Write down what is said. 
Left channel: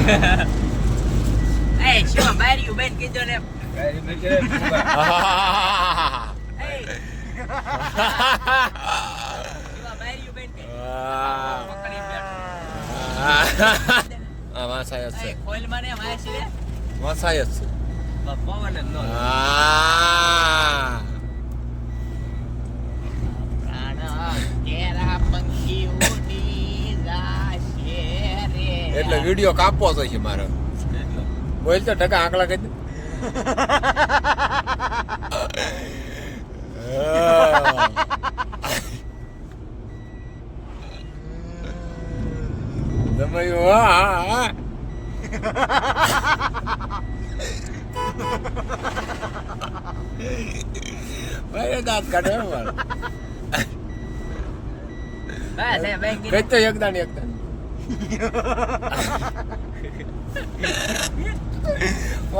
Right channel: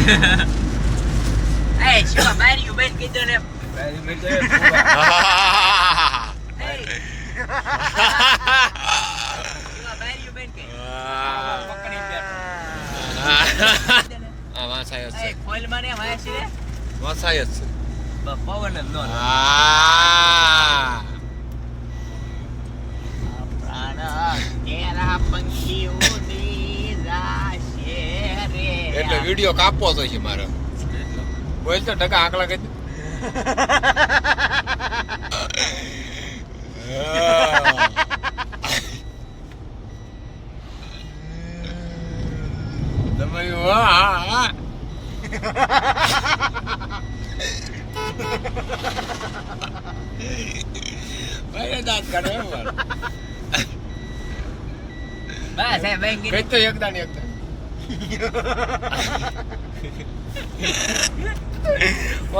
એ શિવા બારીયું બેન કીધું ને બારી મે જે શિવા બારીયું બેન કે આ વાસાય છે એ કોઈલ મને વાય છે વાસાય છે પવન જ નો પ્રાણ તેરા પંખીઓની રાશે રે એટલે વિડિયો કાપવો છે મારે બોલ તો ટકા આંકડા કહી દે તમે વાહ ભાઈ દાંત કાઢે બસ એ બેન બેન તો એકદમ